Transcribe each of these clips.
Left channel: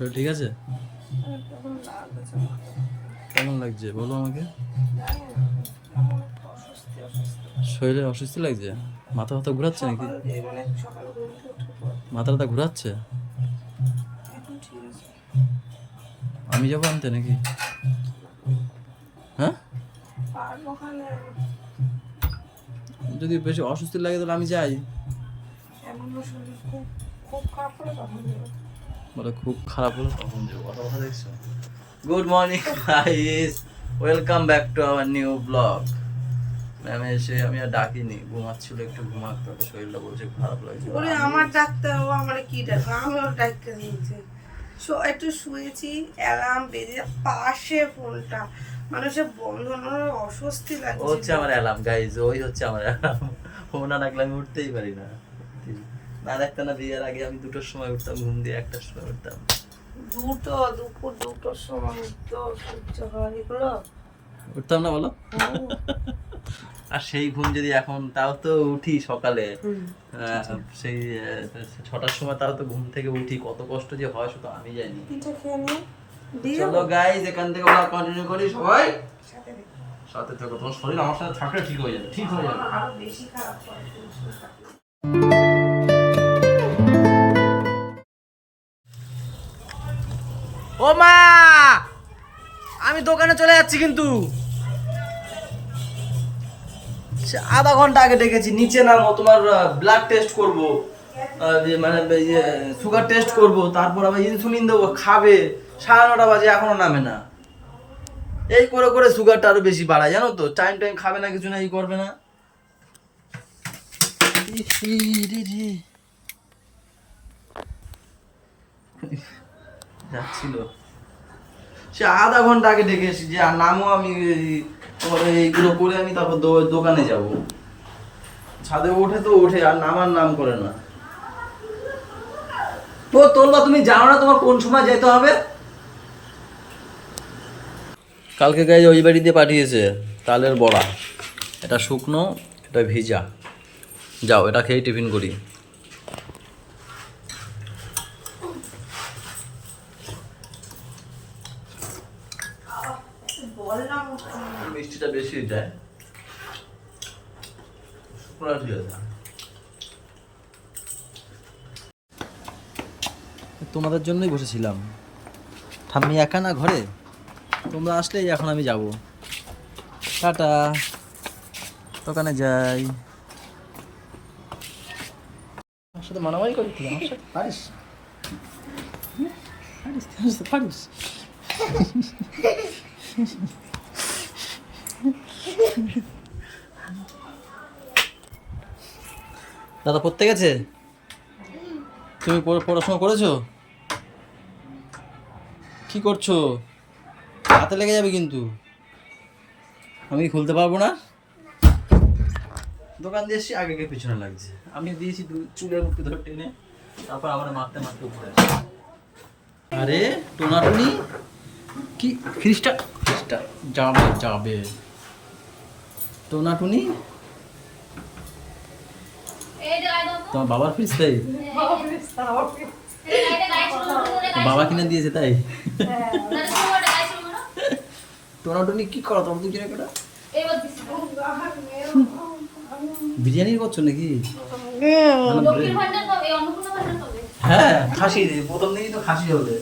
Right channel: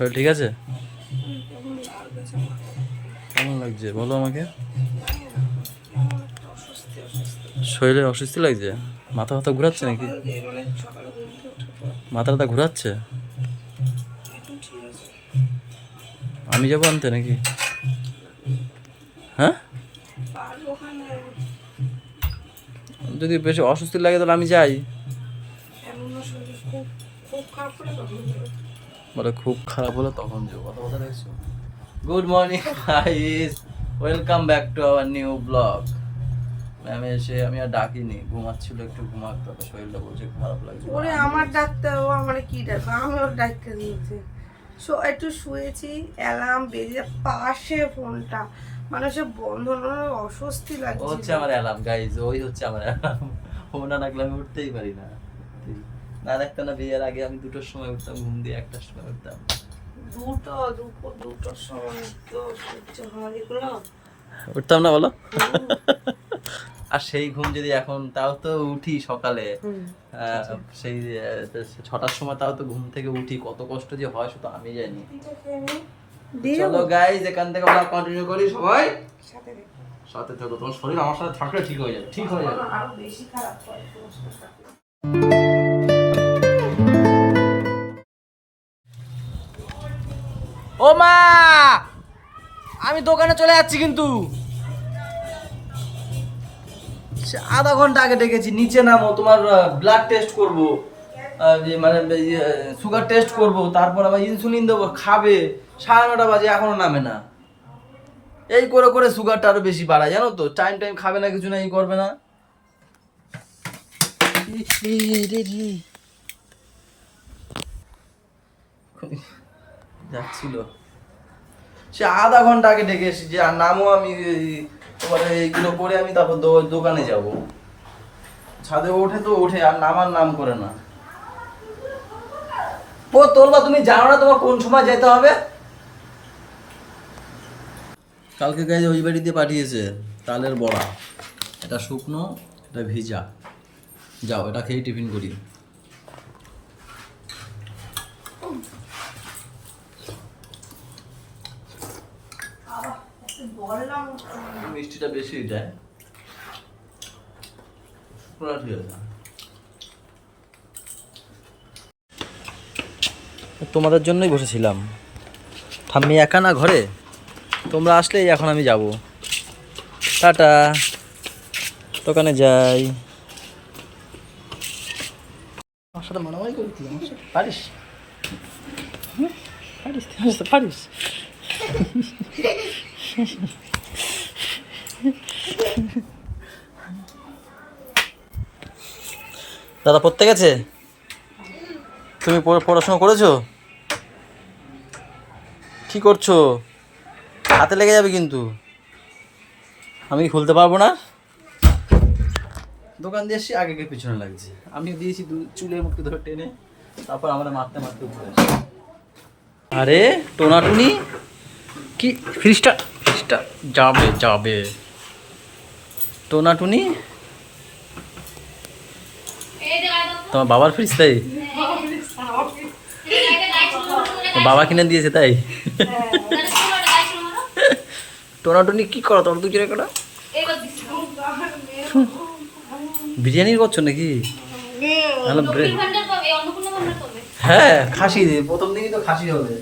শরীর ঠিক আছে? কেমন লাগছে বলো আমাকে। শরীরে অস্বস্তি লাগছে, মাথা ব্যথা ঘুরাচ্ছে নাকি? মাথা ব্যথা ঘুরাচ্ছে? আমি যাবো আনতে নাকি? হ্যাঁ, যদি বেশি অস্বস্তি লাগে তাহলে আমি যাই। বলে খুব খারাপ হলো তখন যাবো, কথা কথা দেখছো। Good morning guys, welcome back to our new blog. Ma'am এসে আমি আর ডাকিনি, ঘুমাচ্ছিল, একটু ঘুমাক, তবে শরীরটা বলছে খারাপ লাগছে। ওরে আমার ডাকতে ও আমার কি ডাকবে, আমি ওর ডাকতে দিয়েছি। একটু শুয়েছি, অ্যালার্ম বেজে পাশে ফোনটা, মানে সে বন্ধ না, অস্বস্তি ও লাগছে। হচ্ছে আমার অ্যালার্ম গাইস, ওই হচ্ছে আমার অ্যালার্ম। ও না ডাকলে আমি উঠতেই পারি না। না ডাকতে না, বিয়ের আগে আমি 2টোর সময় উঠতাম, ঘুম দিয়ে 1টার সময় উঠতাম। দুপুর 2টোর সময় তো সহ্য হয় এগুলো? উঠতাম না বলো? আর সেই ঘুম যদি এখন, তাও তো উঠি সকালে, সেই 6টার সময়, তাও তো ঘুম থেকে উঠি, কত কষ্ট যে হয় শুধু আমি জানি। চলো গাইস, এখান থেকে আমরা কন্টিনিউ করি, সবাই সাথে থাকো। তোমার শরীর আমার সাথে থাকলে ঠিক হয়ে যাবে, ঠিক হয়ে যাবে। আরো বেশি খারাপ করে। ও মা, আমি দোকানে চলে যাচ্ছি কিন্তু। আধা ঘন্টা আগে ডেকেছি, নিচে নামো, তোমার ব্লাড টেস্ট করবো, মানে সুগার টেস্ট করব, তারপর আবার ইনসুলিন দেবো, খাবে। 9:30 বাজে এখনো নামে না। এই করে করে সুগারটা আরো বেশি বাড়ায়, জানো তো। টাইম টাইম খাবে না, কিছু না, এই করবে না। যাচ্ছিল সে আধা ঘন্টা আগে ডেকে এসেছি যে আর নামও, আমি তোমার এইগুলো করে আমি তারপর দোকানে যাব। ছাদে ওঠে তো ওঠে, আর নামার নাম করে না। ও তোমরা, তুমি জানো না তোমার কোন সময় যেতে হবে? কালকে গাইজ ওই বাড়িতে পাঠিয়েছে তালের বড়া, এটা শুকনো, এটা ভিজা। যাও, এটা খেয়ে টিফিন করি। মিষ্টিটা বেশি যায়, পুরা ঠিক আছে। তোমাদের জন্যই বসেছিলাম, ঠাম্মি একা না ঘরে, তোমরা আসলেই এখন আমি যাব। টাটা, দোকানে যাই। আমার সাথে মানামারি করি তুই, আমার সাথে পারিস? পারিস, তুই আমার সাথে পারিস? দাদা পড়তে গেছে? তুমি পড়াশোনা করেছো? কি করছো? হাতে লেগে যাবে কিন্তু, আমি খুলতে পারবো না। দোকান দিয়ে এসে আগে পিছনে লাগছে, আমি দিয়েছি চুলের মুখে ধরে টেনে, তারপর আমরা মারতে মারতে উপরে আসি। আরে টোনাটুনি কি, ফ্রিজটা যাবে যাবে। টোনাটুনি তোমার বাবার ফ্রিজ তাই? বাবা কিনে দিয়েছে তাই? টোনাটুনি কি করো তোমরা দুজনে করো? বিরিয়ানি করছো নাকি? হ্যাঁ, খাসি প্রথম দিনই তো খাসি হবে।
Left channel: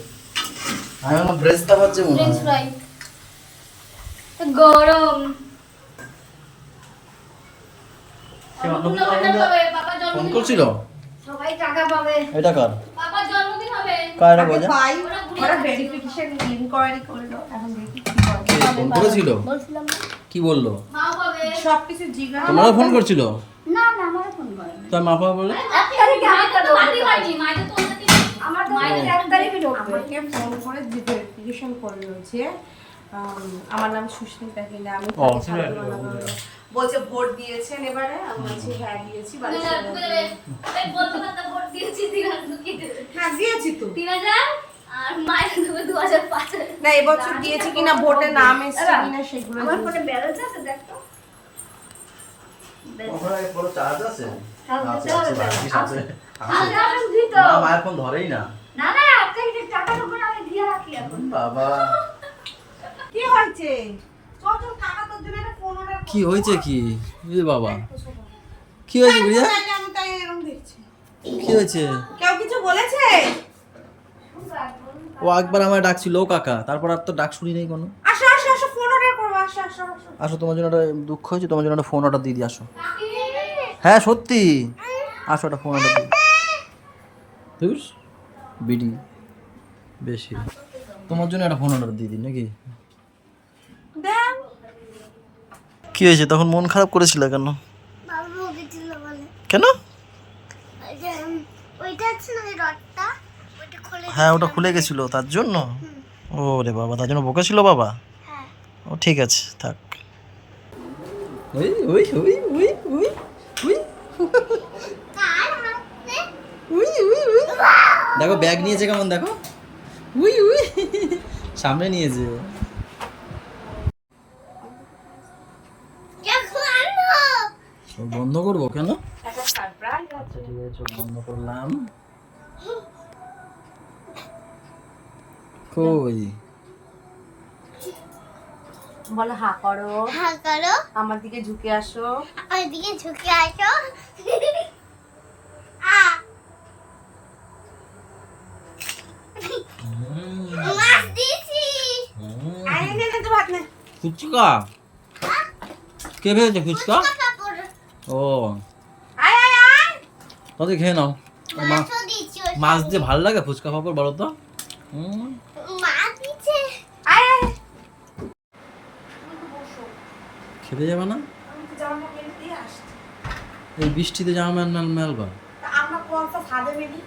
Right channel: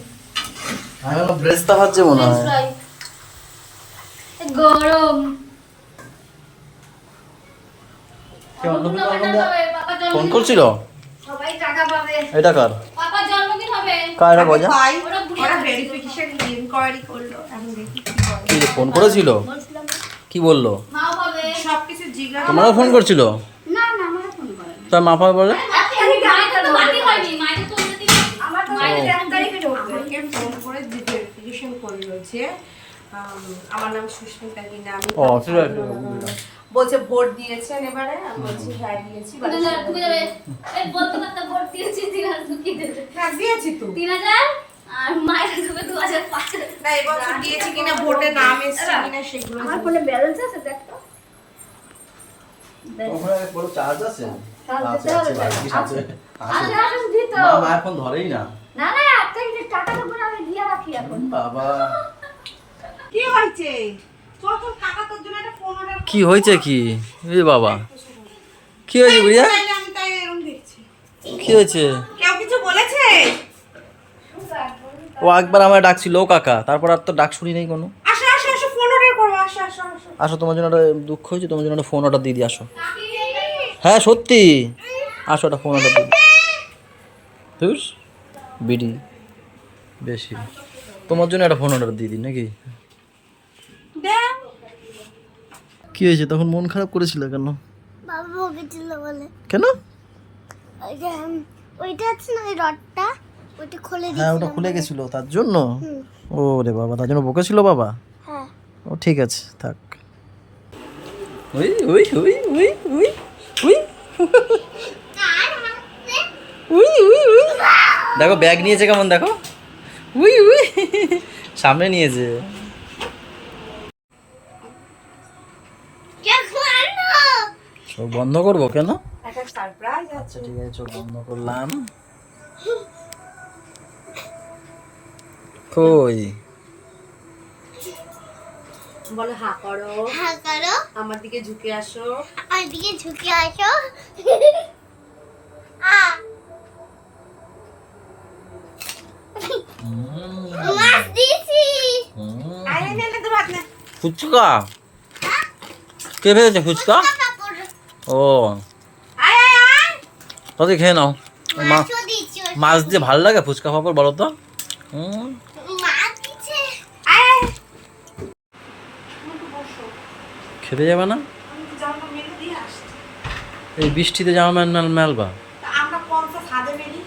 আমি বললাম ব্রেস্তা ভাজছে মনে হয়। গরম ফোন করছিল, সবাই টাকা পাবে। এটা কার? পাপার জন্মদিন হবে। কার এটা কইজা? ওরা ভেরিফিকেশন ইনকোয়ারি করলো, এখন দেখি কি করে। কি ফোন করেছিল? বলছিলাম না, কি বললো? মাও পাবে। সবকিছু জিজ্ঞাসা। তোমারও ফোন করছিল? না না, আমারও ফোন করে না। তার মাপা বলে মাইকে তো বাতি হয়নি, মাইকে তো ওদের দিকে আমার তো মাইকে 1 তারিখে ঢুকবে। আমাকে ফোন করে যে ভেরিফিকেশন করলো যে আমার নাম সুস্মিতা কিনা, আমি ও, ঠিক আছে। বলছে ভোট দিয়েছেন এবারে, আমি বলছি হ্যাঁ দিয়েছি। এই বলতে কথা ভোট দিয়েছি 3000 কি দেবে? হ্যাঁ দিয়েছি তো। 3000 আর মায়ের দেবে 2005। না এবছর দিয়েছি কিনা, ভোটে নাম এসেছে কিনা সেগুলো। আমার ফোনে ব্যালেন্স আছে দেখ তো। ওখানে বড় চার্জ আছে? আছে আছে, 22 আছে। আমি দিত। মায়ের ফোন ধরেই না। না না, আপনি টাকাটা বলে আমি বাবা কি হয়েছে? চল চল কাকা তোর জন্য একটা ফোন অর্ডার কি হয়েছে কি? এ বাবা কি হয়েছে গুড়িয়া? আমি তাই এরকম দেখছি। কি হয়েছে? কেউ কিছু বলেছে? ও একবার আমার ডাকছিল ও কাকা, তারপর আর তো ডাক শুনি নেই কোনো। আসো আসো আসো ফোন অর্ডার করো, আসো আসো আসো। আসো, তোমার জন্য একটা দুঃখ হয়েছে, তোমার জন্য একটা ফোন অর্ডার দিয়ে দিই, আসো। হ্যাঁ সত্যি, আসো একটা ফোন অর্ডার দিই। ধুস বিডি বেশি, তোমার জন্য একটা ফোন অর্ডার দিয়ে দিই নাকি? দাও। কি হয়েছে তখন মন খারাপ করেছিল কেন? বাবা বকেছিল বলে। কেন? ওই যে ওইটা আছে না ওই রডটা, ওইটা খুলে হ্যাঁ ওটা খুলে গেছিল তার জন্য। ও রে বাবা, তার জন্য বকেছিল বাবা? হ্যাঁ। ও ঠিক আছে থাক। ওই ওই ওই ওই ওই ওই কার হাতে? উই উই উই, দেখো ব্যাগ নিয়েছে কেমন, দেখো উই উই, সামনে নিয়েছে। দেখো আনো। চোখ বন্ধ করবো কেন? একটা সারপ্রাইজ আছে। আচ্ছা ঠিক আছে, চোখ বন্ধ করলাম। কই? বলো হা করো, হ্যাঁ করো, আমার দিকে ঝুঁকে আসো। আর দিকে ঝুঁকে আসো। আ মাছ দিছি। আরে নে নে তো ভাত নে। ফুচকা কে ভেজেছে ফুচকা? কাপড় ও আয় আয় আয়। তাতে খেয়ে নাও। মাছও দিছি। মাছ দিয়ে ভালো লাগে ফুচকা পাপড়, বলো তো? মাছ দিছে। আয় আয়। খেতে যাবে না? আমি তো জামা মেলে দিয়ে আসছি। এই বৃষ্টিতে জামা মেলবা? তা আমরা কোনটা ছাদে মেলি?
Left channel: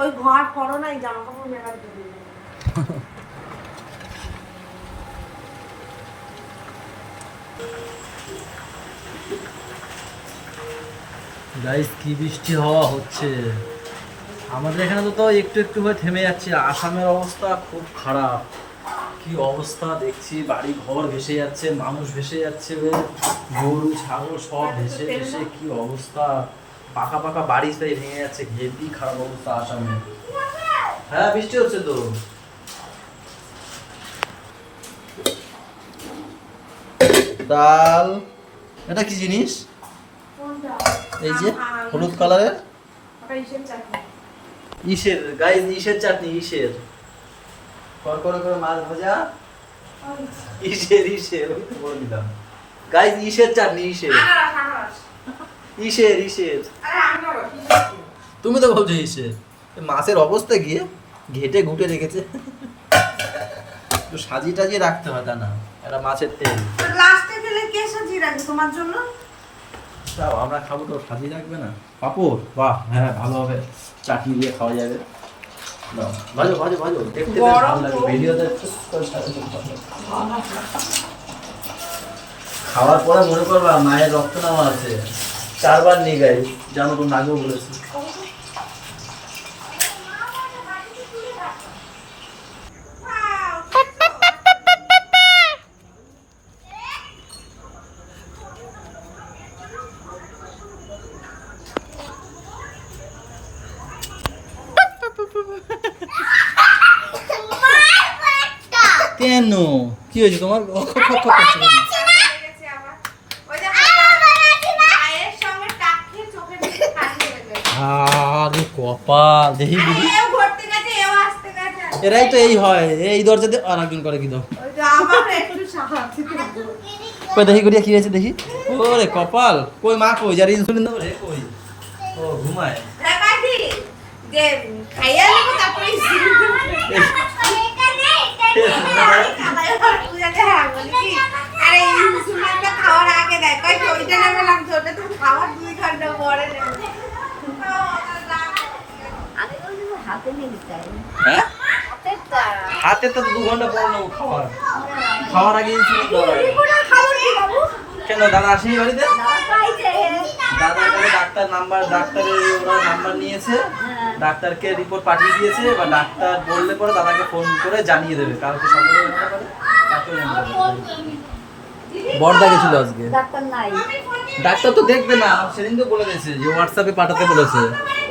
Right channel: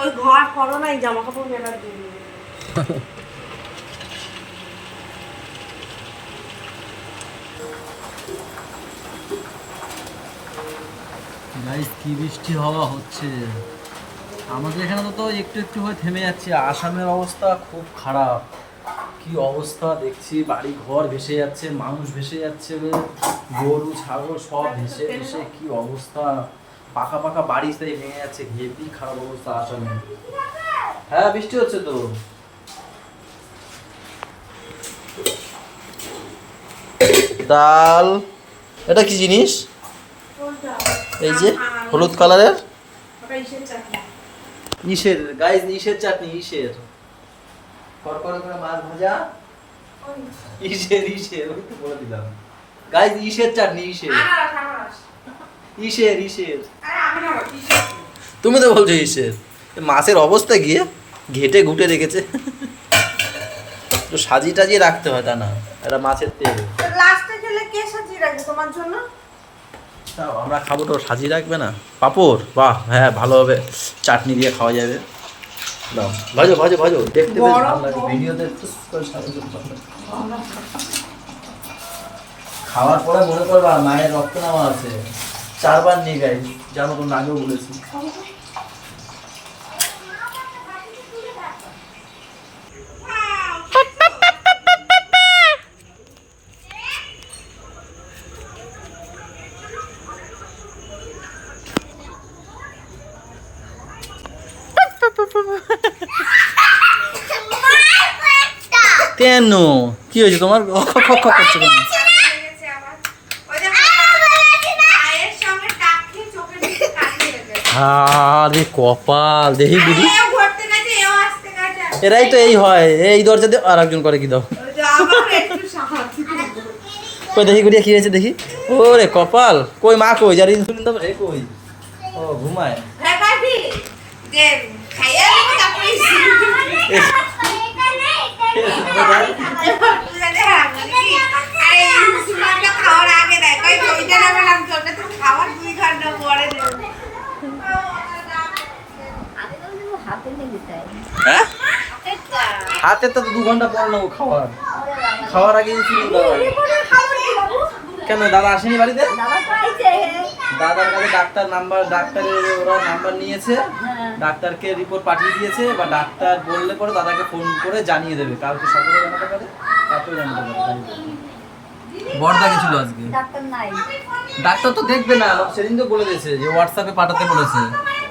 ওই ঘর করো না, এই জামা কাপড় মেলার জন্য। গাইস কি বৃষ্টি হওয়া হচ্ছে আমাদের এখানে, তো একটু একটু হয়ে থেমে যাচ্ছে। আসামের অবস্থা খুব খারাপ, কি অবস্থা দেখছি, বাড়ি ঘর ভেসে যাচ্ছে, মানুষ ভেসে যাচ্ছে, গরু ছাগল সব ভেসে ভেসে কি অবস্থা, পাকা পাকা বাড়ি তাই ভেঙে যাচ্ছে, হেভি খারাপ অবস্থা আসামে। হ্যাঁ বৃষ্টি হচ্ছে তো। ডাল, এটা কি জিনিস? এই যে হলুদ কালারের ওটা হিসেবে চাকরি। ইসের গাইস, ইসের চাটনি, ইসের করকরে করে মাছ ভাজা, ইসের ইসের ওই তো বলে দিলাম গাইস, ইসের চাটনি, ইসের আনারস আনারস। ইসের ইসের। আরে আমি না কিসের? তুমি তো বলছো ইসের। এ মাছের অবস্থা গিয়ে ঘেটে ঘুটে রেখেছে, তো সাজিয়ে টাজিয়ে রাখতে হয়, তা না এটা মাছের তেল। তো লাস্টে গেলে কে সাজিয়ে রাখবে তোমার জন্য? তাও আমরা খাবো তো সাজিয়ে রাখবে না? পাঁপড়, বাহ হ্যাঁ ভালো হবে, চাটনি দিয়ে খাওয়া যাবে। দাও ভাজো ভাজো ভাজো, দেখতে বেশ ভালো লাগে ভিডিওতে। খাওয়ার পরে মনে করবা মায়ের রক্ত নেওয়া আছে, 4 বার নিয়ে গাই, জানো তো, আগেও বলেছি। কেন কি হয়েছে তোমার? করছে কেন? লেগেছে আমার। ওই যে মায়ের সঙ্গে টাক খেয়ে চোখের নিচে কালি হয়ে গেছে। আরে কপাল, দেখি দিদি, এও ঘুরতে গেছে, এও আসতে গেছে। এরাই তো এই হয়, এই দরজা দিয়ে আর একজন করে কি দাও। ওই যে আমার একটু সাহায্য করো। কই দেখি গুড়িয়া কি হয়েছে দেখি। ওরে কপাল, কই মা কই, যার ইনসুলিন দেবে রে কই? ও ঘুমায়। দেখাবি যে খাইয়া নেবো তারপরে এই, মনে দেয়? এবার তুলে দে হারাম নাকি? আরে ইনসুলিনটা খাওয়ার আগে দেয়, কই তো ওইটা নামে লাগছে, ওটা তো খাওয়ার 2 ঘন্টা পরে দেবে। হ্যাঁ হাতে তো 2 ঘন্টা পর নেবো খাওয়ার, খাওয়ার আগে ইনসুলিন দেওয়া হয়। কেন দাদা আসেনি বাড়িতে? দাদার কাছে ডাক্তারের ওরা নাম্বার নিয়েছে, ডাক্তারকে রিপোর্ট পাঠিয়ে দিয়েছে, এবার ডাক্তার বললে পরে দাদাকে ফোন করে জানিয়ে দেবে, কালকে সকালে জানাতে পারে, তারপরে জানাতে পারে। বড়দা গেছিল আজকে, ডাক্তার তো দেখবে না, সেদিন তো বলে দিয়েছে যে হোয়াটসঅ্যাপে পাঠাতে বলেছে।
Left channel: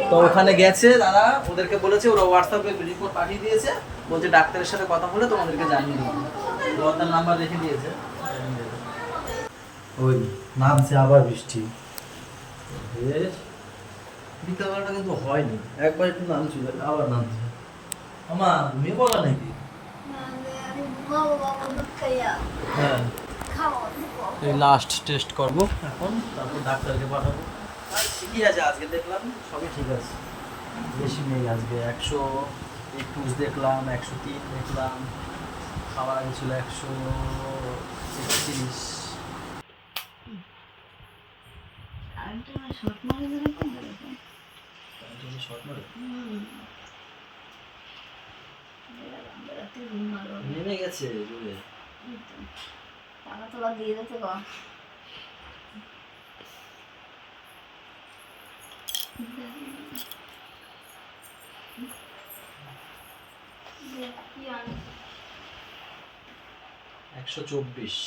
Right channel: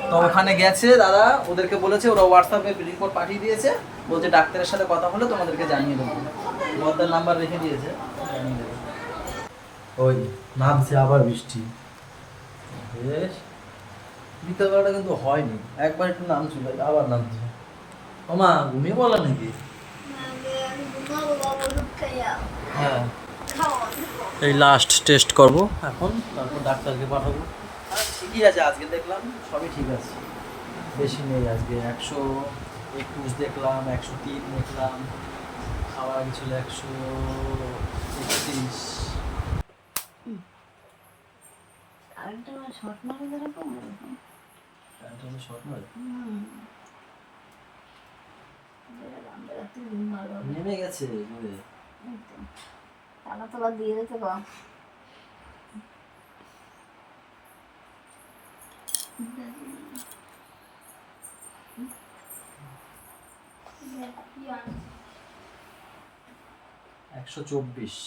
তো ওখানে গেছে দাদা, ওদেরকে বলেছে, ওরা হোয়াটসঅ্যাপে রিপোর্ট পাঠিয়ে দিয়েছে, বলছে ডাক্তারের সাথে কথা হলে তোমাদেরকে জানিয়ে দেবো। বর্দার নাম্বার রেখে দিয়েছে, জানিয়ে দেবে। ওই নামছে আবার বৃষ্টি, বেশ বিকালবেলাটা কিন্তু হয়নি, একবার একটু নামছিল আবার নামছে। ওমা ঘুমিয়ে বলা নাকি? হ্যাঁ, এই লাস্ট টেস্ট করব এখন, তারপর ডাক্তারকে পাঠাবো। আর ঠিকই আছে, আজকে দেখলাম সবই ঠিক আছে, বেশি নেই আজকে। 121 দেখলাম, 103 দেখলাম, খাওয়ার আগে ছিল 131। নেমে গেছে ঘুরে। দিয়ে দিতে পারো। কি আনিস? 124।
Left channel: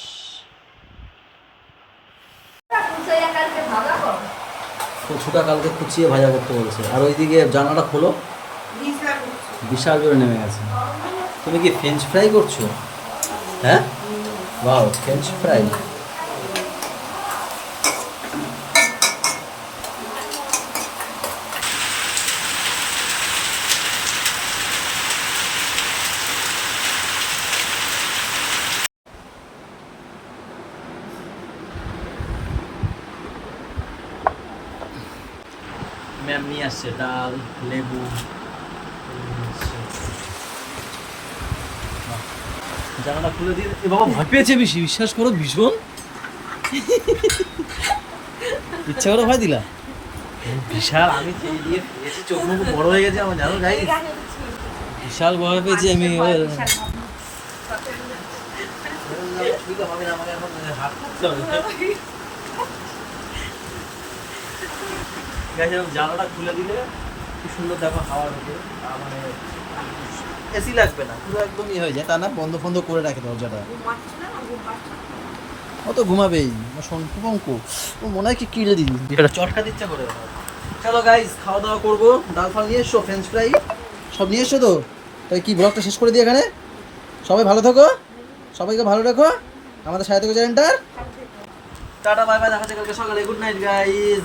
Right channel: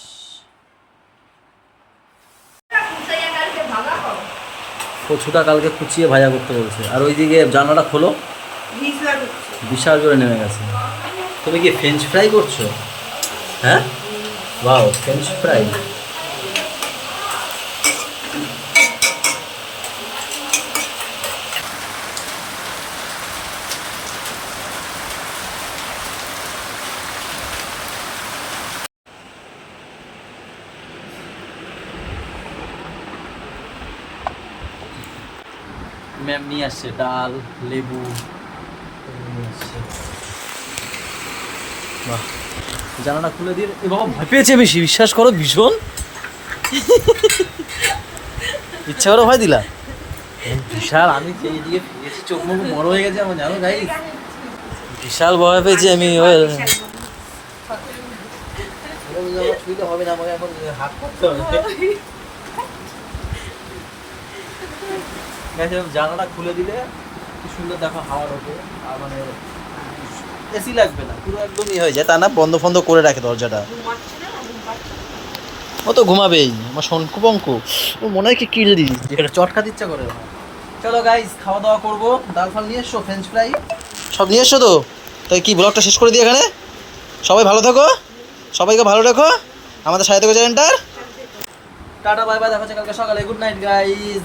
কচুটা কালকে কুচিয়ে ভাজা করতে বলছে। আর ওইদিকে জানালাটা খোলো, বিশাল উঠছে। বিশাল জোরে নেমে গেছে। তুমি কি ফ্রেঞ্চ ফ্রাই করছো? হ্যাঁ, ওয়াও, ফ্রেঞ্চ ফ্রাই। ম্যাম নিয়ে আসছে ডাল, লেবু নিয়ে আসছে। বাহ, জানালা খুলে দিয়ে এ বাবা ভয় পেয়েছে বেশি, বিশ্বাস করো, ভীষণ ইচ্ছা করে ভয় দিলা। বিশাল, আমি খেয়ে দিয়ে পেয়েছি, চোখ মুখ বড় হয়ে গেছে আমার, জানো গাইস, বিশাল ভয় পেয়েছি আমি। হবে না, আমাকে এখন হাত করতে হবে। জানালাটা খুলে দিলে কি সুন্দর দেখো হাওয়া ঢোকে, মানে এসি লাগবে না, পুরো একদম হয়ে যায়। তা না বন্ধ ফন্ধ করে রাখে দরজাটা, ও তো ঘুমাবেই। আমার শঙ্কু পঙ্কু ও মনে হয় কি কিলে দিই, যেটা চটকাতে ইচ্ছা করে। চলো গাইস, খাওয়া দাওয়া করবো। ডাল ফাল নিয়ে এসো, ফ্রেঞ্চ ফ্রাই সব নিয়ে এসো তো। তাই কি ব্লগটা শেষ করে দিই এখানে। সবাই ভালো থাকো, সবাইকে ভালো রাখো, আমাদের সাথে থেকো চ্যানেলটার। টাটা বাই বাই, দেখা হচ্ছে কালকে সকালে। Good night guys.